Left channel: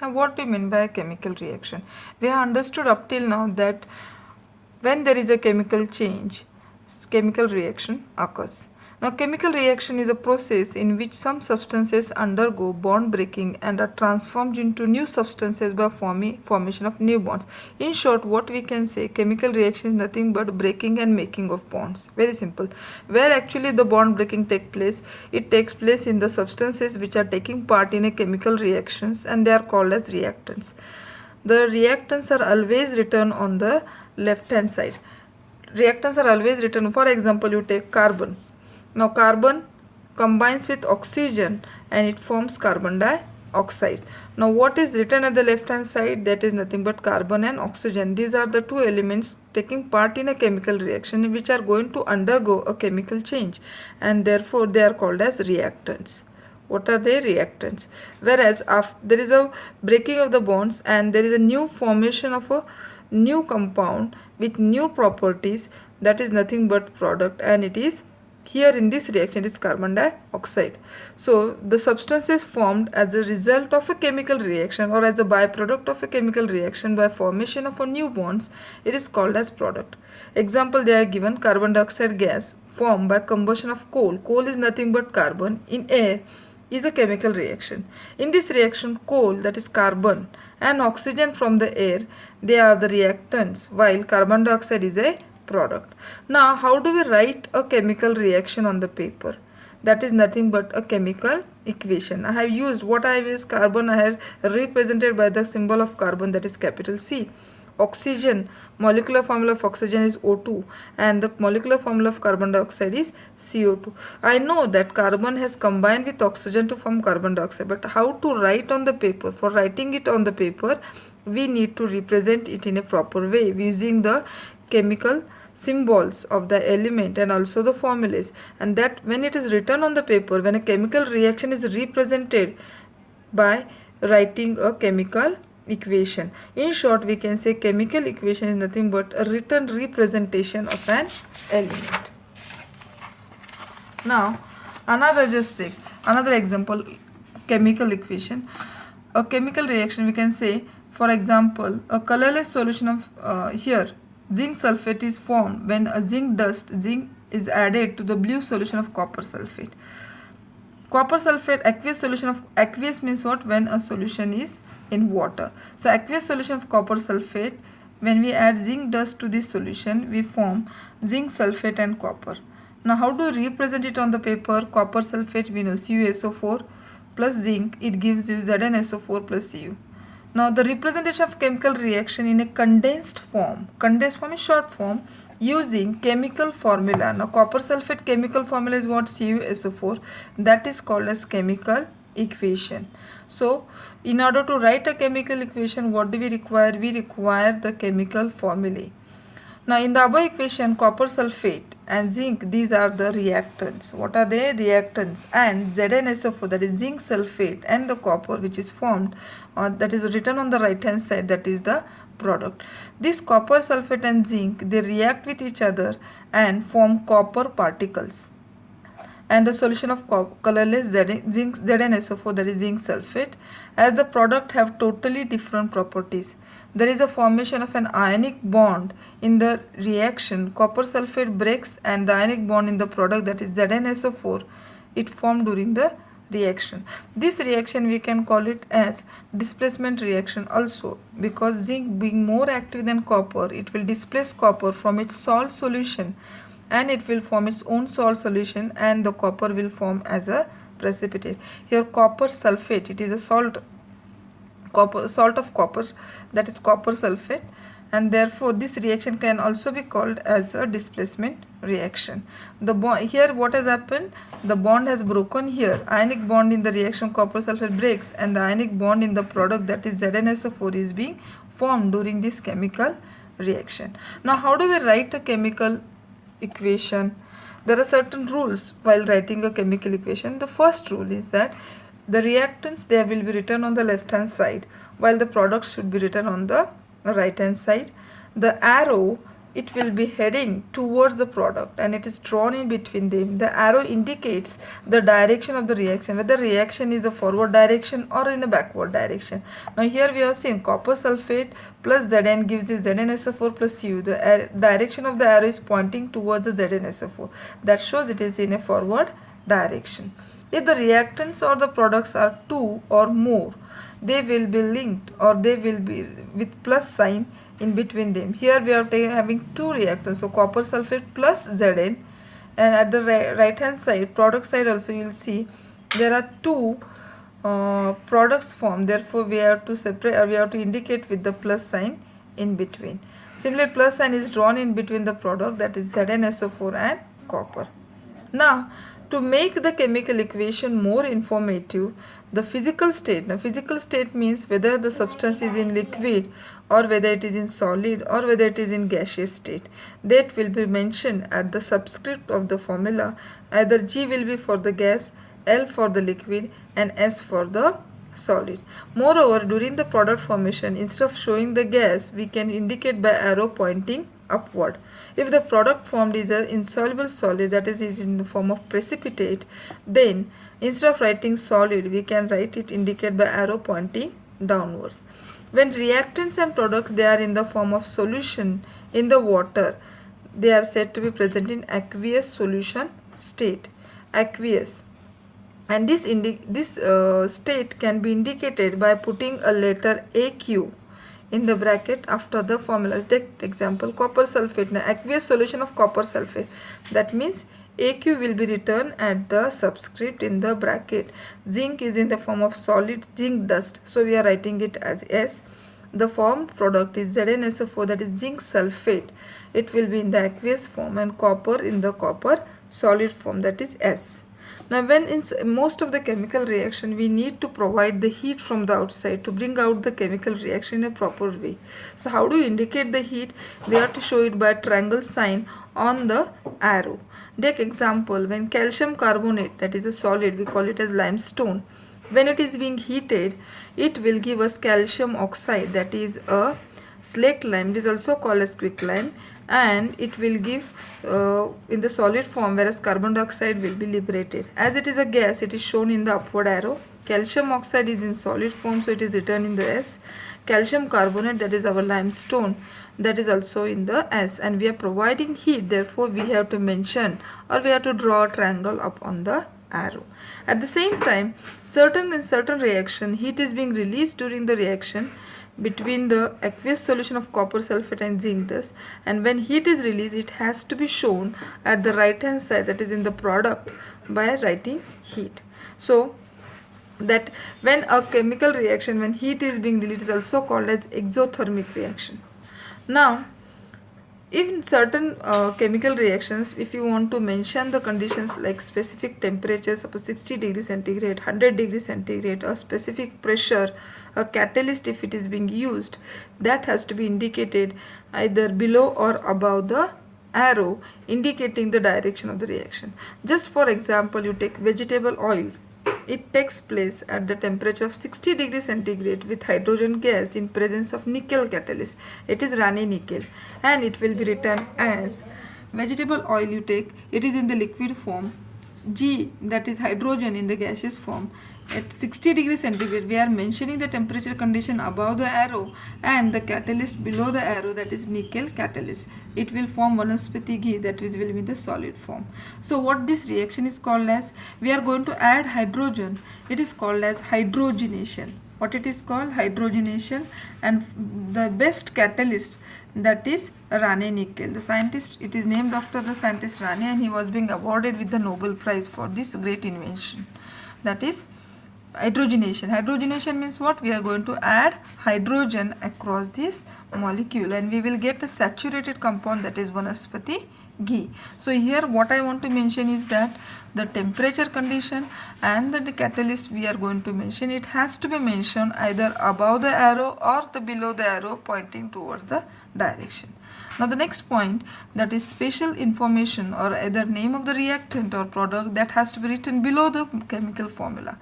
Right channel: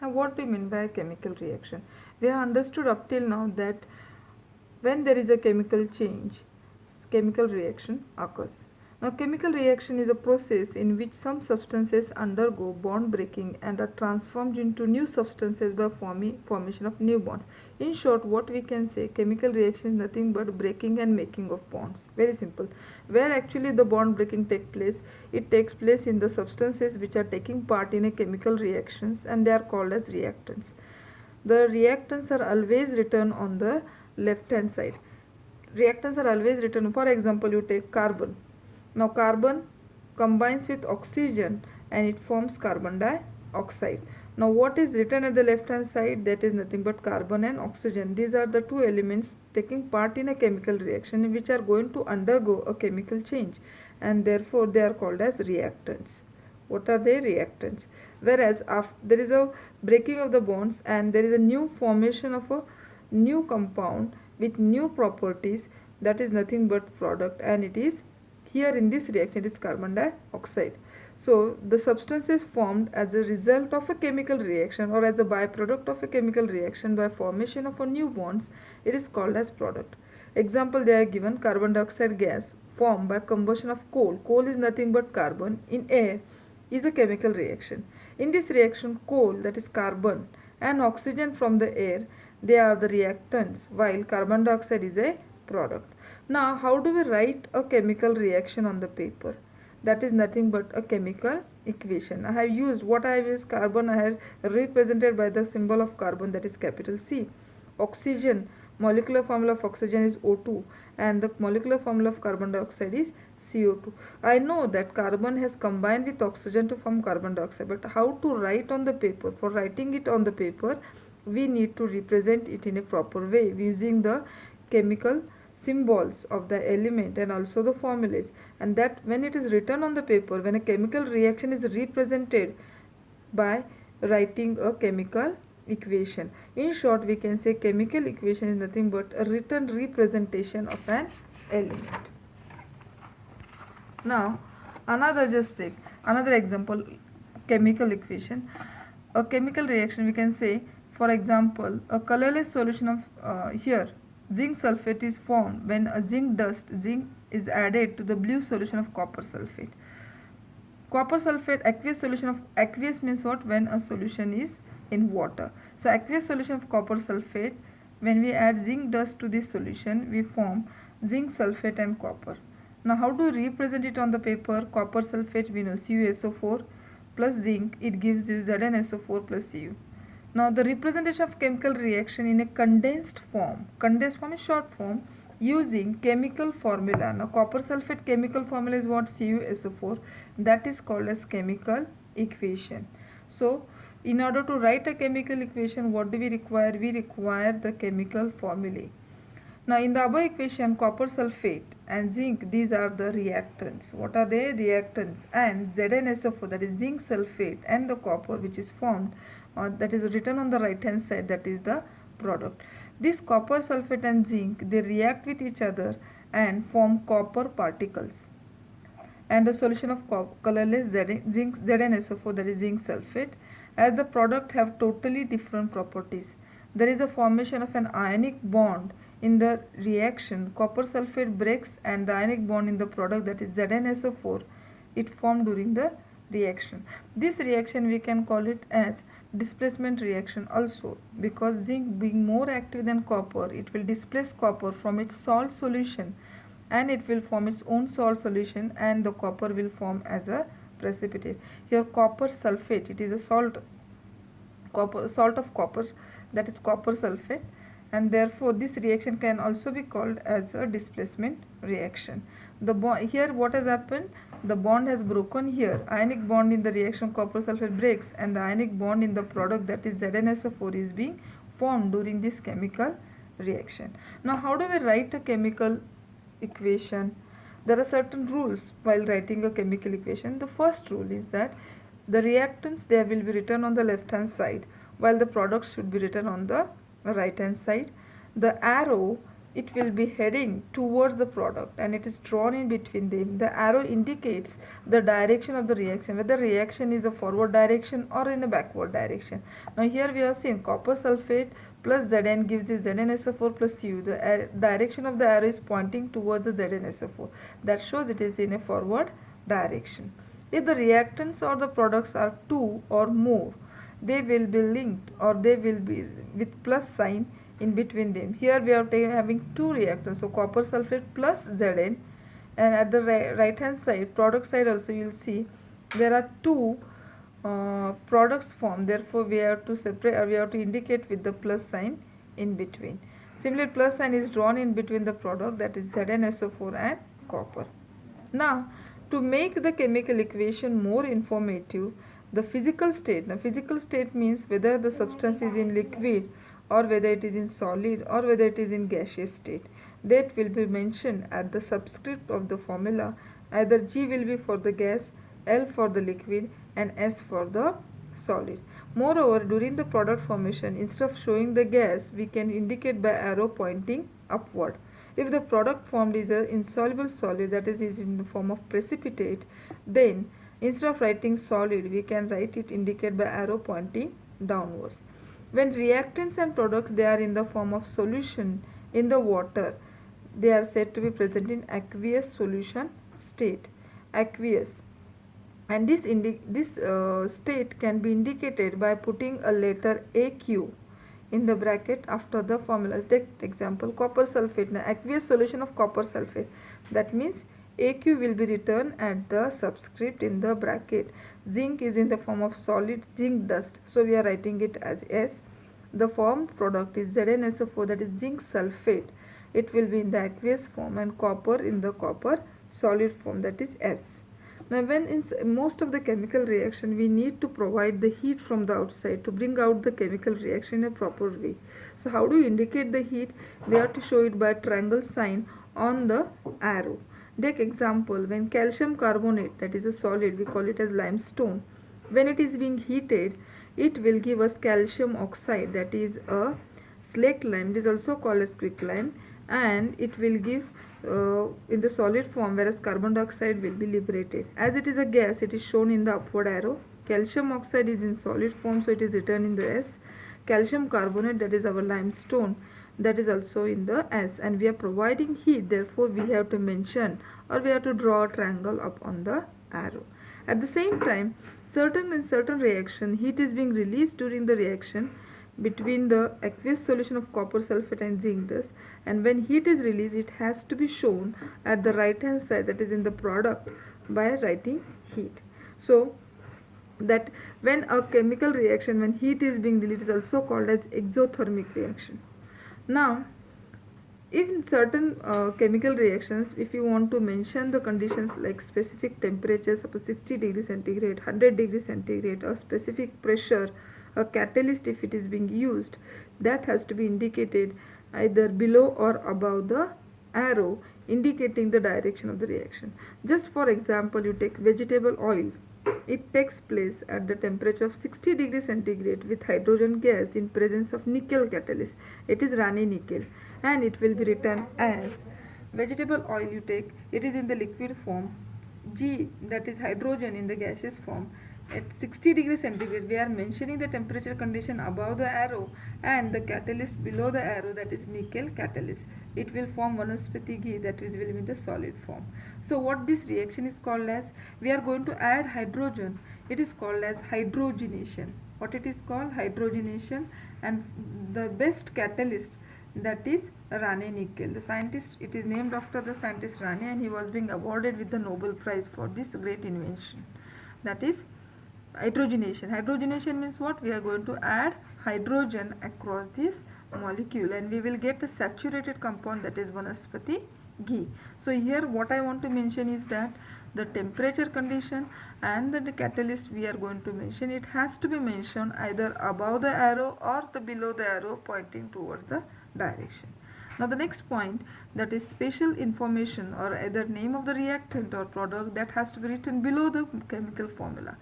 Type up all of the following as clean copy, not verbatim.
Now, what do you mean by a chemical reaction? We have understood up till now that when there is a chemical change, chemical reaction occurs. Now, chemical reaction is a process in which some substances undergo bond breaking and are transformed into new substances by formation of new bonds. In short, what we can say, chemical reaction is nothing but breaking and making of bonds. Very simple. Where actually the bond breaking takes place, it takes place in the substances which are taking part in a chemical reactions, and they are called as reactants. The reactants are always written on the left hand side. Reactants are always written, for example, you take carbon. Now carbon combines with oxygen and it forms carbon dioxide. Now what is written at the left hand side? That is nothing but carbon and oxygen. These are the two elements taking part in a chemical reaction which are going to undergo a chemical change, and therefore they are called as reactants. What are they? Reactants. Whereas after there is a breaking of the bonds and there is a new formation of a new compound with new properties, that is nothing but product, and it is here in this reaction it is carbon dioxide. So the substances formed as a result of a chemical reaction or as a byproduct of a chemical reaction by formation of a new bonds, it is called as product. Example they are given: carbon dioxide gas formed by combustion of coal. Coal is nothing but carbon in air is a chemical reaction. In this reaction, coal, that is carbon, and oxygen from the air, they are the reactants, while carbon dioxide is a product. Now, how do we write a chemical reaction on the paper? That is nothing but a chemical equation. I have used, what I have used, carbon, I have represented by the symbol of carbon, that is capital C. Oxygen, molecular formula of oxygen is O2 and the molecular formula of carbon dioxide is CO2. I know that carbon has combined with oxygen to form carbon dioxide, but how to write on the paper? For writing it on the paper, we need to represent it in a proper way using the chemical symbols of the element and also the formulas. And that when it is written on the paper, when a chemical reaction is represented by writing a chemical equation. In short, we can say chemical equation is nothing but a written representation of an element. Now, another example, chemical equation. A chemical reaction, we can say, for example, a colorless solution of here zinc sulfate is formed when a zinc is added to the blue solution of copper sulfate. Copper sulfate, aqueous solution of, aqueous means what? When a solution is in water. So aqueous solution of copper sulfate, when we add zinc dust to this solution, we form zinc sulfate and copper. Now how do we represent it on the paper? Copper sulfate, we know CuSO4 plus zinc, it gives you ZnSO4 plus Cu. Now the representation of chemical reaction in a condensed form is short form, using chemical formula. Now copper sulfate chemical formula is what? CuSO4. That is called as chemical equation. So in order to write a chemical equation, what do we require? We require the chemical formulae. Now in the above equation, copper sulfate and zinc, these are the reactants. What are they? Reactants. And ZnSO4, that is zinc sulfate, and the copper which is formed, that is written on the right hand side, that is the product. This copper sulfate and zinc, they react with each other and form copper particles. And the solution of colorless zinc ZnSO4, that is zinc sulfate, as the product have totally different properties. There is a formation of an ionic bond in the reaction. Copper sulfate breaks and the ionic bond in the product, that is ZnSO4, it formed during the reaction. This reaction we can call it as displacement reaction also, because zinc being more active than copper, it will displace copper from its salt solution and it will form its own salt solution, and the copper will form as a precipitate. Here copper sulfate, it is a salt of copper, that is copper sulfate, and therefore this reaction can also be called as a displacement reaction. The bond here, what has happened? The bond has broken here. Ionic bond in the reaction copper sulfate breaks and the ionic bond in the product, that is ZnSO4, is being formed during this chemical reaction. Now how do we write a chemical equation? There are certain rules while writing a chemical equation. The first rule is that the reactants, they will be written on the left hand side, while the products should be written on the right hand side. The arrow it will be heading towards the product and it is drawn in between them. The arrow indicates the direction of the reaction, whether reaction is a forward direction or in a backward direction. Now here we have seen copper sulfate plus Zn gives you ZnSO4 plus U. The direction of the arrow is pointing towards the ZnSO4. That shows it is in a forward direction. If the reactants or the products are two or more, they will be linked or they will be with plus sign in between them. Here we are having two reactants, so copper sulfate plus Zn, and at the right hand side, product side also, you will see there are two products formed. Therefore we have to separate, we have to indicate with the plus sign in between. Similarly, plus sign is drawn in between the product, that is ZnSO4 and copper. Now to make the chemical equation more informative, the physical state. Now physical state means whether the substance is in liquid or whether it is in solid or whether it is in gaseous state. That will be mentioned at the subscript of the formula. Either G will be for the gas, L for the liquid and S for the solid. Moreover, during the product formation, instead of showing the gas, we can indicate by arrow pointing upward. If the product formed is an insoluble solid, that is in the form of precipitate, then instead of writing solid, we can write it indicate by arrow pointing downwards. When reactants and products, they are in the form of solution in the water, they are said to be present in aqueous solution state. Aqueous. And this state can be indicated by putting a letter AQ in the bracket after the formula. Take example, copper sulfate, now aqueous solution of copper sulfate. That means AQ will be written at the subscript in the bracket. Zinc is in the form of solid zinc dust, so we are writing it as S. The formed product is ZnSO4, that is zinc sulfate. It will be in the aqueous form, and copper in the copper solid form, that is S. Now when in most of the chemical reaction, we need to provide the heat from the outside to bring out the chemical reaction in a proper way. So how do you indicate the heat? We have to show it by a triangle sign on the arrow. Take example, when calcium carbonate, that is a solid, we call it as limestone. When it is being heated, it will give us calcium oxide, that is a slaked lime. It is also called as quicklime, and it will give in the solid form, whereas carbon dioxide will be liberated. As it is a gas, it is shown in the upward arrow. Calcium oxide is in solid form, so it is written in the S. Calcium carbonate, that is our limestone, that is also in the S, and we are providing heat, therefore we have to mention or we have to draw a triangle up on the arrow. At the same time, in certain reaction, heat is being released during the reaction between the aqueous solution of copper sulfate and zinc dust, and when heat is released, it has to be shown at the right hand side, that is in the product, by writing heat. So that when a chemical reaction, when heat is being released, is also called as exothermic reaction. Now in certain chemical reactions, if you want to mention the conditions like specific temperature, suppose 60 degrees centigrade, 100 degrees centigrade, or specific pressure, a catalyst if it is being used, that has to be indicated either below or above the arrow indicating the direction of the reaction. Just for example, you take vegetable oil. It takes place at the temperature of 60 degrees centigrade with hydrogen gas in presence of nickel catalyst. It is Rane nickel, and it will be written as vegetable oil you take, it is in the liquid form, G, that is hydrogen, in the gaseous form. At 60 degrees centigrade, we are mentioning the temperature condition above the arrow and the catalyst below the arrow, that is nickel catalyst. It will form vanaspati ghee, that is will be the solid form. So what this reaction is called as, we are going to add hydrogen. It is called as hydrogenation. What it is called? Hydrogenation. And the best catalyst, that is Rane nickel. The scientist, it is named after the scientist Rane, and he was being awarded with the Nobel Prize for this great invention. That is hydrogenation. Hydrogenation means what? We are going to add hydrogen across this molecule and we will get a saturated compound, that is vanaspati ghee. So here what I want to mention is that the temperature condition and the catalyst we are going to mention, it has to be mentioned either above the arrow or the below the arrow pointing towards the direction. Now the next point, that is special information or either name of the reactant or product, that has to be written below the chemical formula.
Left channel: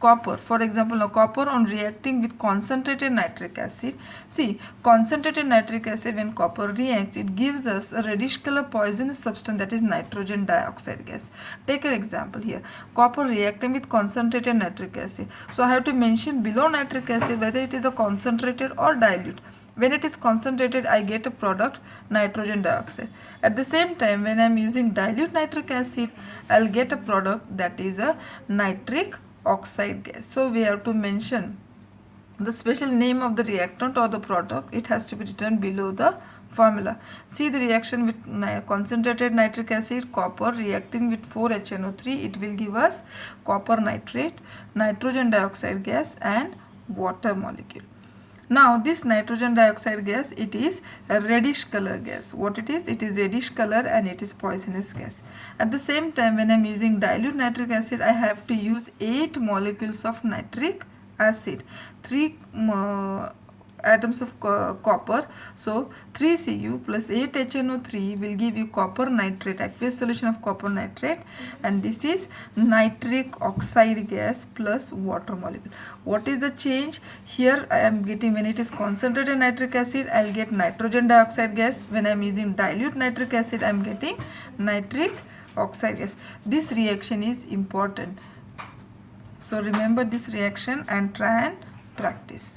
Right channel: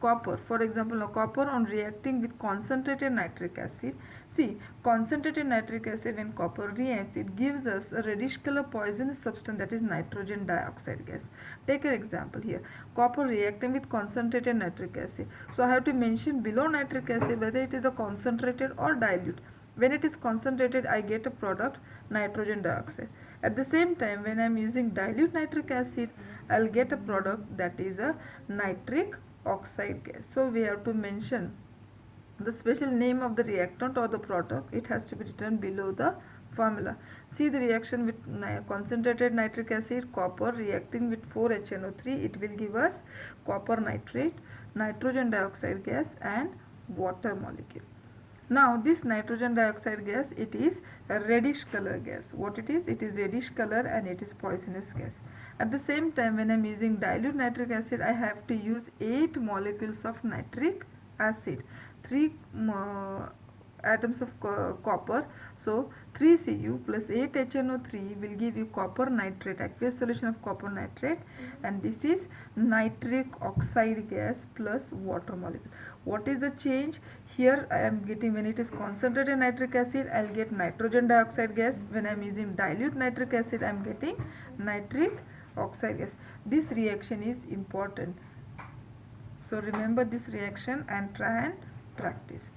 copper, for example, now copper on reacting with concentrated nitric acid. See, concentrated nitric acid, when copper reacts, it gives us a reddish color poisonous substance, that is nitrogen dioxide gas. Take an example here, copper reacting with concentrated nitric acid. So I have to mention below nitric acid whether it is a concentrated or dilute. When it is concentrated, I get a product nitrogen dioxide. At the same time, when I am using dilute nitric acid, I will get a product that is a nitric oxide gas. So we have to mention the special name of the reactant or the product. It has to be written below the formula. See the reaction with concentrated nitric acid, copper reacting with 4HNO3, it will give us copper nitrate, nitrogen dioxide gas and water molecule. Now this nitrogen dioxide gas, it is a reddish color gas. What it is? It is reddish color and it is poisonous gas. At the same time, when I am using dilute nitric acid, I have to use 8 molecules of nitric acid, 3 atoms of copper. So 3Cu plus 8HNO3 will give you copper nitrate, aqueous solution of copper nitrate, and this is nitric oxide gas plus water molecule. What is the change? Here I am getting, when it is concentrated nitric acid, I will get nitrogen dioxide gas. When I am using dilute nitric acid, I am getting nitric oxide gas. This reaction is important. So remember this reaction and try and practice.